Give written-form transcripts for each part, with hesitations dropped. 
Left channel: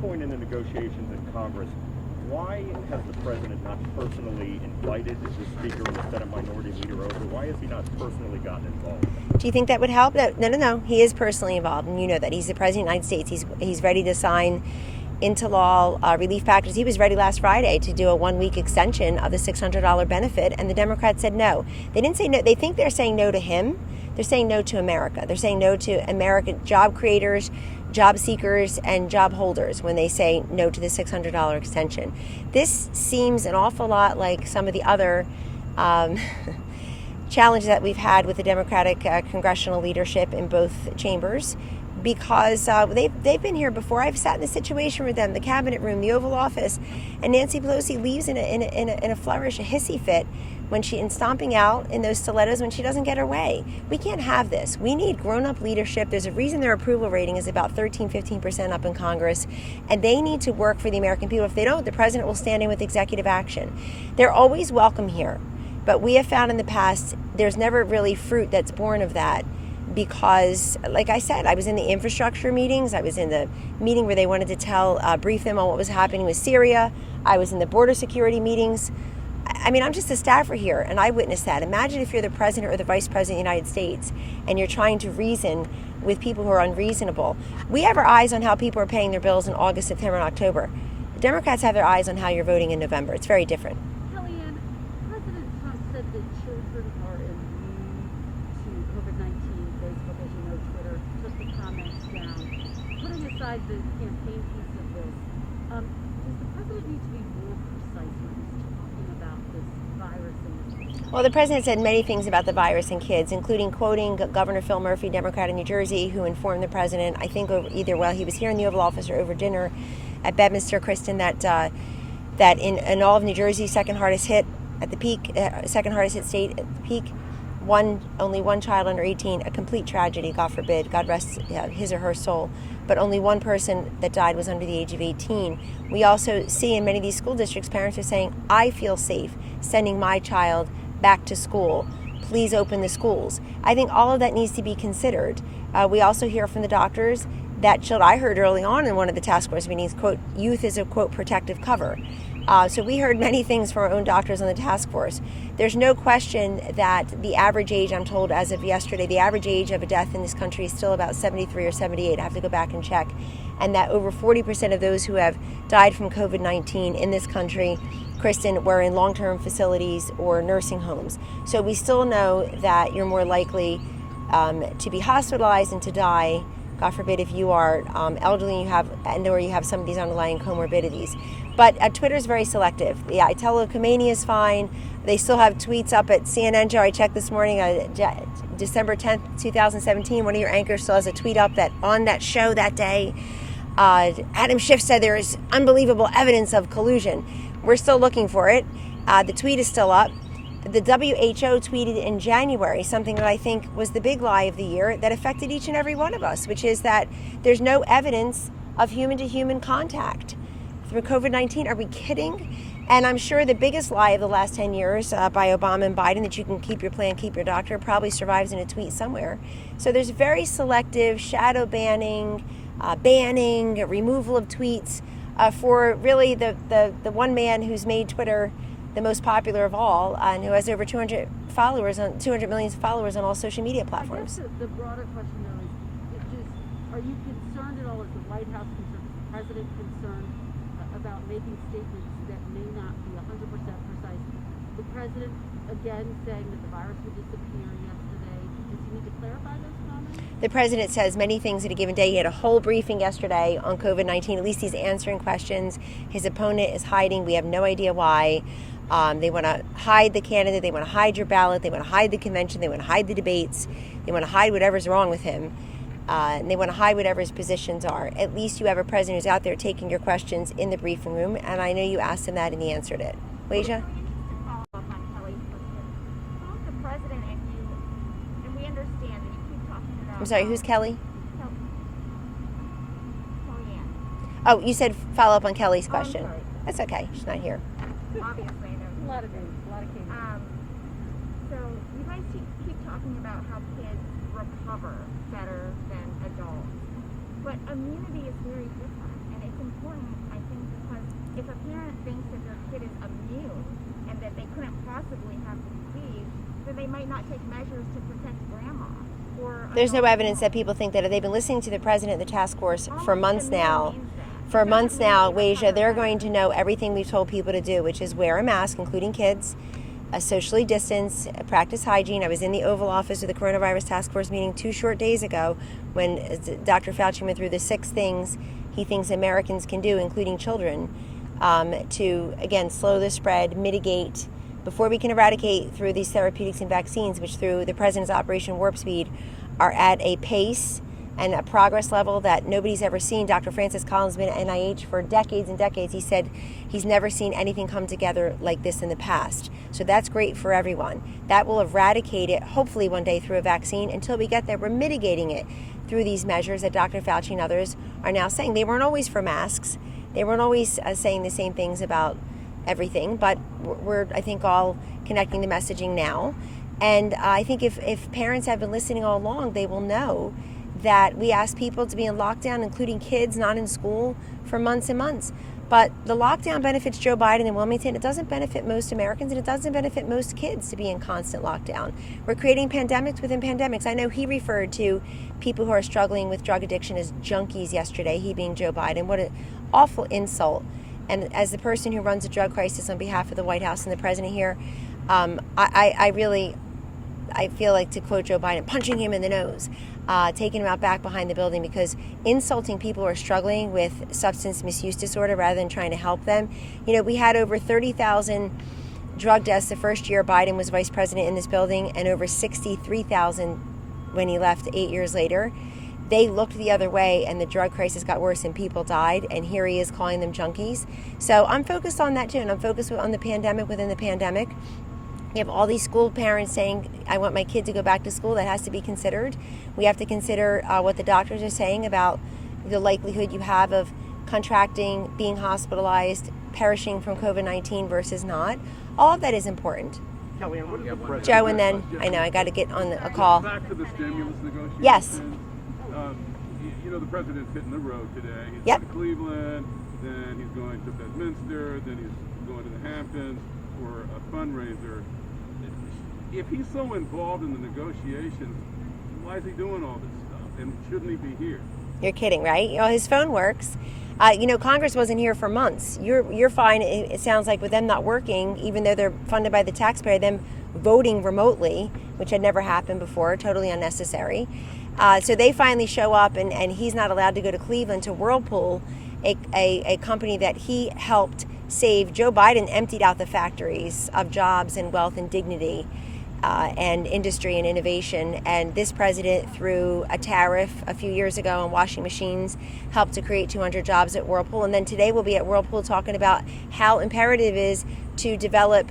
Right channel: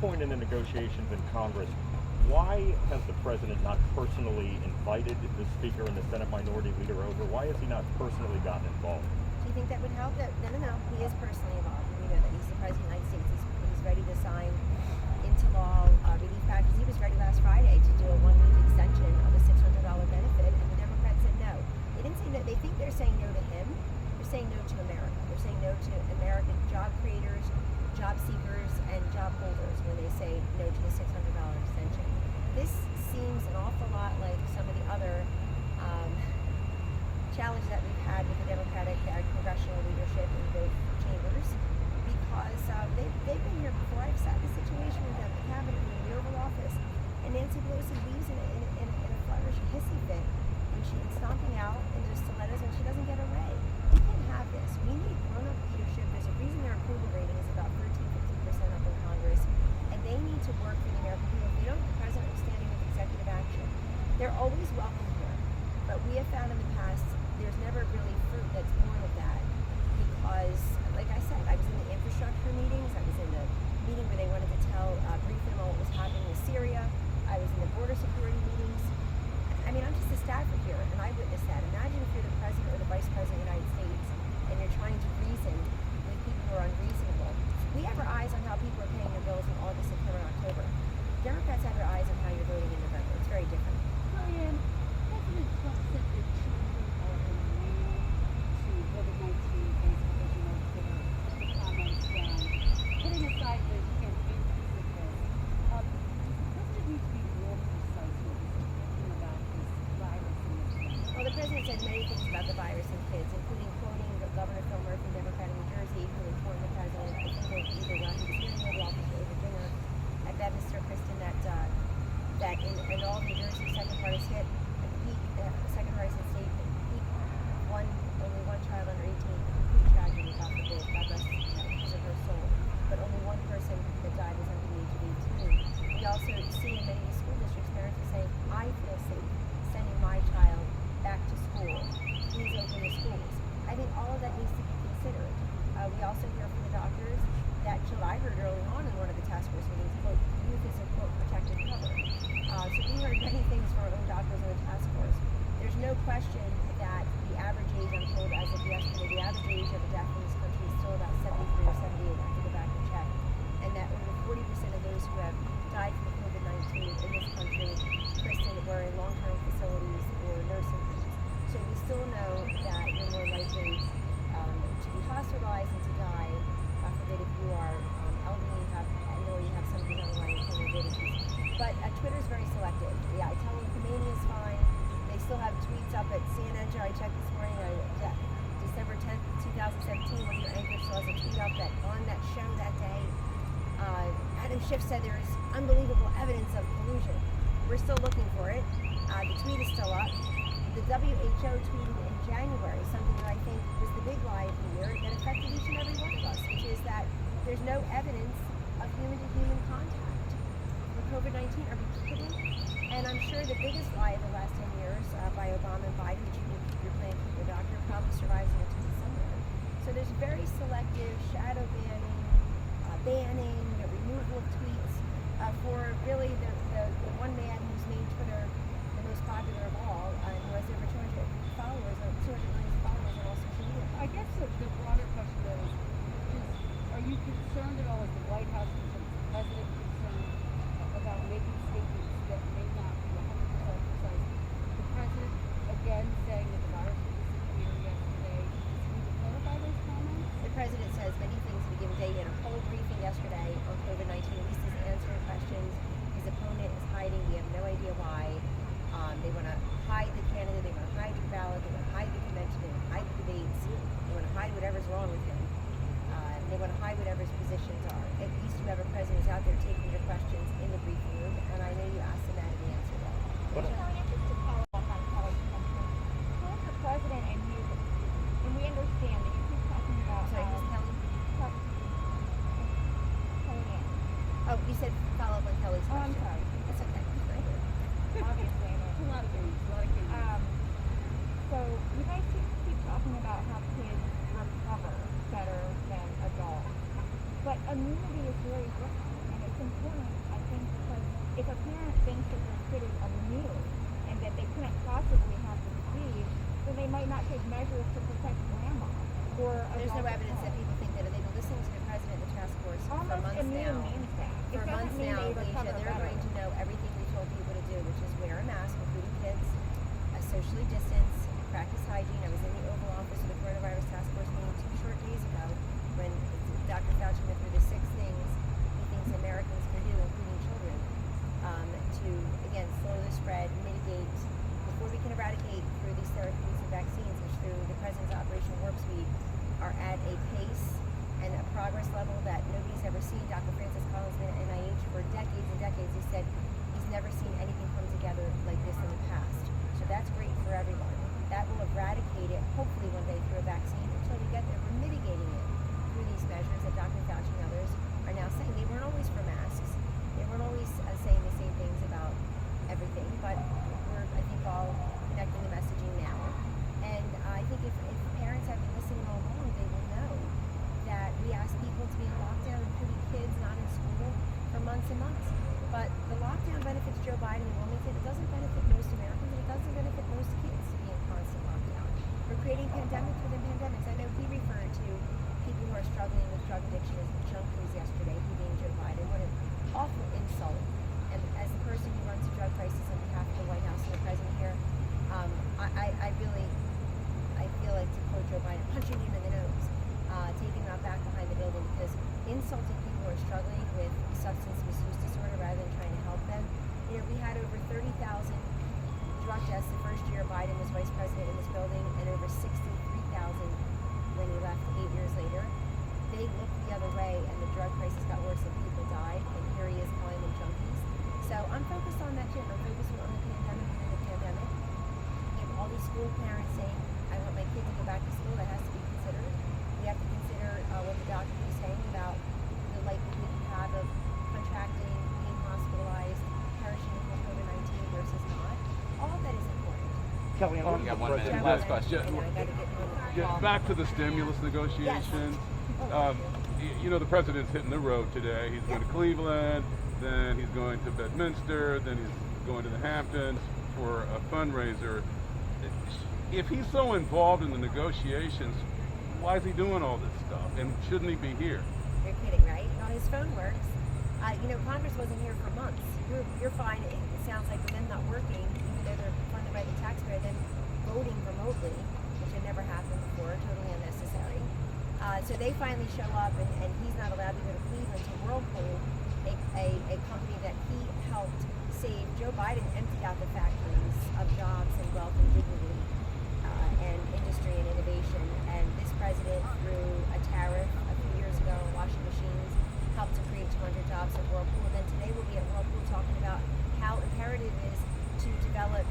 point in the negotiations in Congress, why has the president not personally invited the Speaker and the Senate Minority Leader over? Why has he not personally gotten involved? Do you think that would help? No. He is personally involved, and you know that. He's the President of the United States. He's ready to sign into law relief packages. He was ready last Friday to do a 1-week extension of the $600 benefit, and the Democrats said no. They didn't say no. They think they're saying no to him. They're saying no to America. They're saying no to American job creators, job seekers, and job holders when they say no to the $600 extension. This seems an awful lot like some of the other challenges that we've had with the Democratic congressional leadership in both chambers, because they've been here before. I've sat in this situation with them, the cabinet room, the Oval Office, and Nancy Pelosi leaves in a flourish, a hissy fit, and stomping out in those stilettos when she doesn't get her way. We can't have this. We need grown-up leadership. There's a reason their approval rating is about 13-15% up in Congress, and they need to work for the American people. If they don't, the president will stand in with executive action. They're always welcome here, but we have found in the past there's never really fruit that's born of that, because, like I said, I was in the infrastructure meetings. I was in the meeting where they wanted to brief them on what was happening with Syria. I was in the border security meetings. I mean, I'm just a staffer here, and I witnessed that. Imagine if you're the president or the vice president of the United States, and you're trying to reason with people who are unreasonable. We have our eyes on how people are paying their bills in August, September, and October. The Democrats have their eyes on how you're voting in November. It's very different. Kellyanne, President Trump said that children are immune to COVID-19 Facebook, as you know, Twitter, took the comments down. Putting aside the campaign piece of this, does the president need to be more precise when he's talking about this virus and this? Well, the president said many things about the virus and kids, including quoting Governor Phil Murphy, Democrat of New Jersey, who informed the president, I think either while he was here in the Oval Office or over dinner at Bedminster, Kristen, that in all of New Jersey, second hardest hit state at the peak, only one child under 18, a complete tragedy, God forbid, God rest his or her soul. But only one person that died was under the age of 18. We also see in many of these school districts, parents are saying, I feel safe sending my child back to school. Please open the schools. I think all of that needs to be considered. We also hear from the doctors that I heard early on in one of the task force meetings, quote, youth is a, quote, protective cover. So we heard many things from our own doctors on the task force. There's no question that the average age, I'm told as of yesterday, the average age of a death in this country is still about 73 or 78. I have to go back and check. And that over 40% of those who have died from COVID-19 in this country, Kristen, were in long-term facilities or nursing homes. So we still know that you're more likely to be hospitalized and to die, God forbid, if you are elderly or you have some of these underlying comorbidities. But Twitter is very selective. Yeah, I tell Khomeini is fine. They still have tweets up at CNN. Joe, I checked this morning, December 10th, 2017. One of your anchors still has a tweet up that on that show that day, Adam Schiff said there is unbelievable evidence of collusion. We're still looking for it. The tweet is still up. The WHO tweeted in January something that I think was the big lie of the year that affected each and every one of us, which is that there's no evidence of human-to-human contact through COVID-19. Are we kidding? And I'm sure the biggest lie of the last 10 years by Obama and Biden, that you can keep your plan, keep your doctor, probably survives in a tweet somewhere. So there's very selective shadow banning, removal of tweets for really the one man who's made Twitter the most popular of all, and who has over 200 million followers on all social media platforms. I guess the broader question, though, is are you concerned at all, as the White House concerned, is the president concerned about making statements that may not be 100% precise? The president, again, saying that the virus would disappear yesterday. Does he need to clarify those comments? The president says many things at a given day. He had a whole briefing yesterday on COVID-19. At least he's answering questions. His opponent is hiding. We have no idea why. They want to hide the candidate. They want to hide your ballot. They want to hide the convention. They want to hide the debates. They want to hide whatever's wrong with him. And they want to hide whatever his positions are. At least you have a president who's out there taking your questions in the briefing room. And I know you asked him that and he answered it. Leisha? Just to follow up on Kelly's question, who's the president, and we understand that you keep talking about... I'm sorry, who's Kelly? Kellyanne. Oh, you said follow up on Kelly's question. sorry. That's okay. She's not here. Obviously, there's A lot of news, a lot of cases. So you guys keep talking about how kids recover better than adults, but immunity is very different, and it's important there's no evidence that people think that. They've been listening to the president of the task force for months now. For months now, Wasia, they're going to know everything we've told people to do, which is wear a mask, including kids, socially distance, practice hygiene. I was in the Oval Office of the Coronavirus Task Force meeting 2 short days ago when Dr. Fauci went through the 6 things he thinks Americans can do, including children, to, again, slow the spread, mitigate, before we can eradicate through these therapeutics and vaccines, which through the president's Operation Warp Speed are at a pace and a progress level that nobody's ever seen. Dr. Francis Collins has been at NIH for decades and decades. He said he's never seen anything come together like this in the past. So that's great for everyone. That will eradicate it, hopefully one day through a vaccine. Until we get there, we're mitigating it through these measures that Dr. Fauci and others are now saying. They weren't always for masks. They weren't always saying the same things about everything, but we're, I think, all connecting the messaging now. And I think if parents have been listening all along, they will know that we asked people to be in lockdown, including kids not in school, for months and months. But the lockdown benefits Joe Biden and Wilmington. It doesn't benefit most Americans, and it doesn't benefit most kids to be in constant lockdown. We're creating pandemics within pandemics. I know he referred to people who are struggling with drug addiction as junkies yesterday, he being Joe Biden. What an awful insult. And as the person who runs a drug crisis on behalf of the White House and the president here, I feel like, to quote Joe Biden, punching him in the nose. Taking him out back behind the building, because insulting people who are struggling with substance misuse disorder rather than trying to help them. You know, we had over 30,000 drug deaths the first year Biden was vice president in this building, and over 63,000 when he left 8 years later. They looked the other way, and the drug crisis got worse and people died, and here he is calling them junkies. So I'm focused on that too, and I'm focused on the pandemic within the pandemic. You have all these school parents saying, I want my kid to go back to school. That has to be considered. We have to consider what the doctors are saying about the likelihood you have of contracting, being hospitalized, perishing from COVID-19 versus not. All of that is important. Kellyanne, Joe, and then I know I got to get on a call. Back to the stimulus negotiations. Yes. You know, the president's hitting the road today. He's Yep. going to Cleveland, then he's going to Bedminster, then he's going to the Hamptons for a fundraiser. If he's so involved in the negotiations, why is he doing all this stuff? And shouldn't he be here? You're kidding, right? You know, his phone works. You know, Congress wasn't here for months. You're fine. It sounds like with them not working, even though they're funded by the taxpayer, them voting remotely, which had never happened before, totally unnecessary. So they finally show up, and he's not allowed to go to Cleveland to Whirlpool, a company that he helped save. Joe Biden emptied out the factories of jobs and wealth and dignity and industry and innovation. And this president, through a tariff a few years ago on washing machines, helped to create 200 jobs at Whirlpool. And then today we'll be at Whirlpool talking about how imperative it is to develop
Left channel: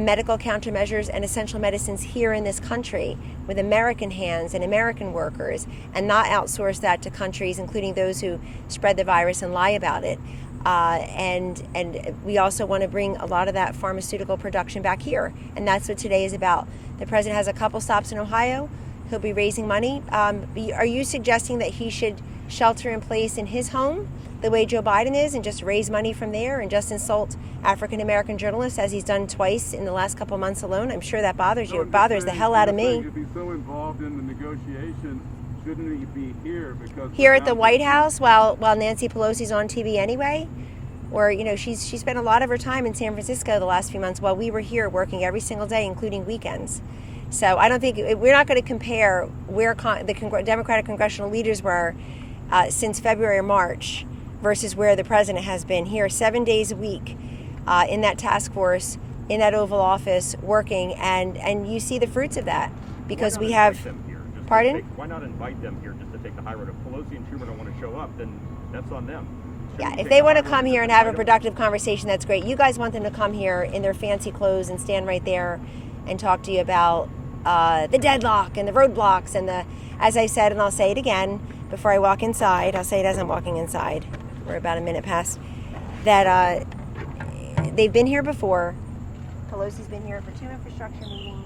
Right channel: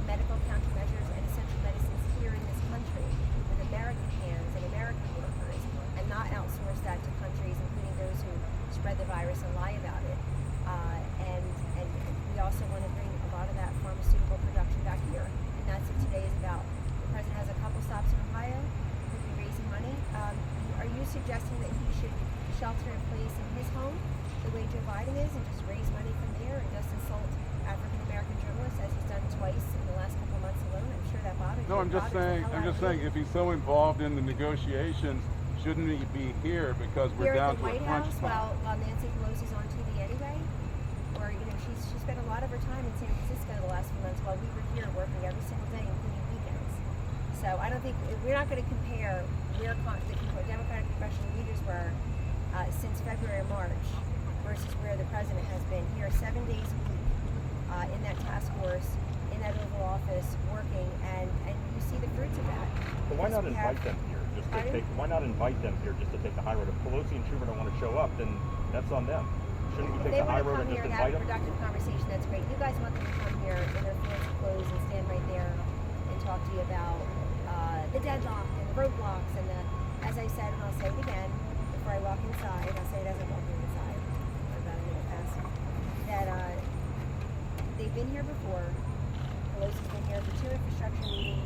medical countermeasures and essential medicines here in this country with American hands and American workers, and not outsource that to countries, including those who spread the virus and lie about it. And we also want to bring a lot of that pharmaceutical production back here. And that's what today is about. The president has a couple stops in Ohio. He'll be raising money. Are you suggesting that he should shelter in place in his home the way Joe Biden is, and just raise money from there and just insult African-American journalists, as he's done twice in the last couple of months alone? I'm sure that bothers you. It bothers the hell out of me. If he's so involved in the negotiations, shouldn't he be here? Because Here at the White House while Nancy Pelosi's on TV anyway? Or, you know, she spent a lot of her time in San Francisco the last few months while we were here working every single day, including weekends. So I don't think, we're not going to compare where the Democratic congressional leaders were since February or March versus where the president has been here 7 days a week in that task force, in that Oval Office, working, and you see the fruits of that, because we have. Pardon? Why not invite them here just to take the high road? If Pelosi and Schumer don't want to show up, then that's on them. Yeah, if they want to come here and have a productive conversation, that's great. You guys want them to come here in their fancy clothes and stand right there and talk to you about the deadlock and the roadblocks and as I said, and I'll say it again before I walk inside, I'll say it as I'm walking inside. We're about a minute past. That they've been here before. Pelosi's been here for 2 infrastructure meetings.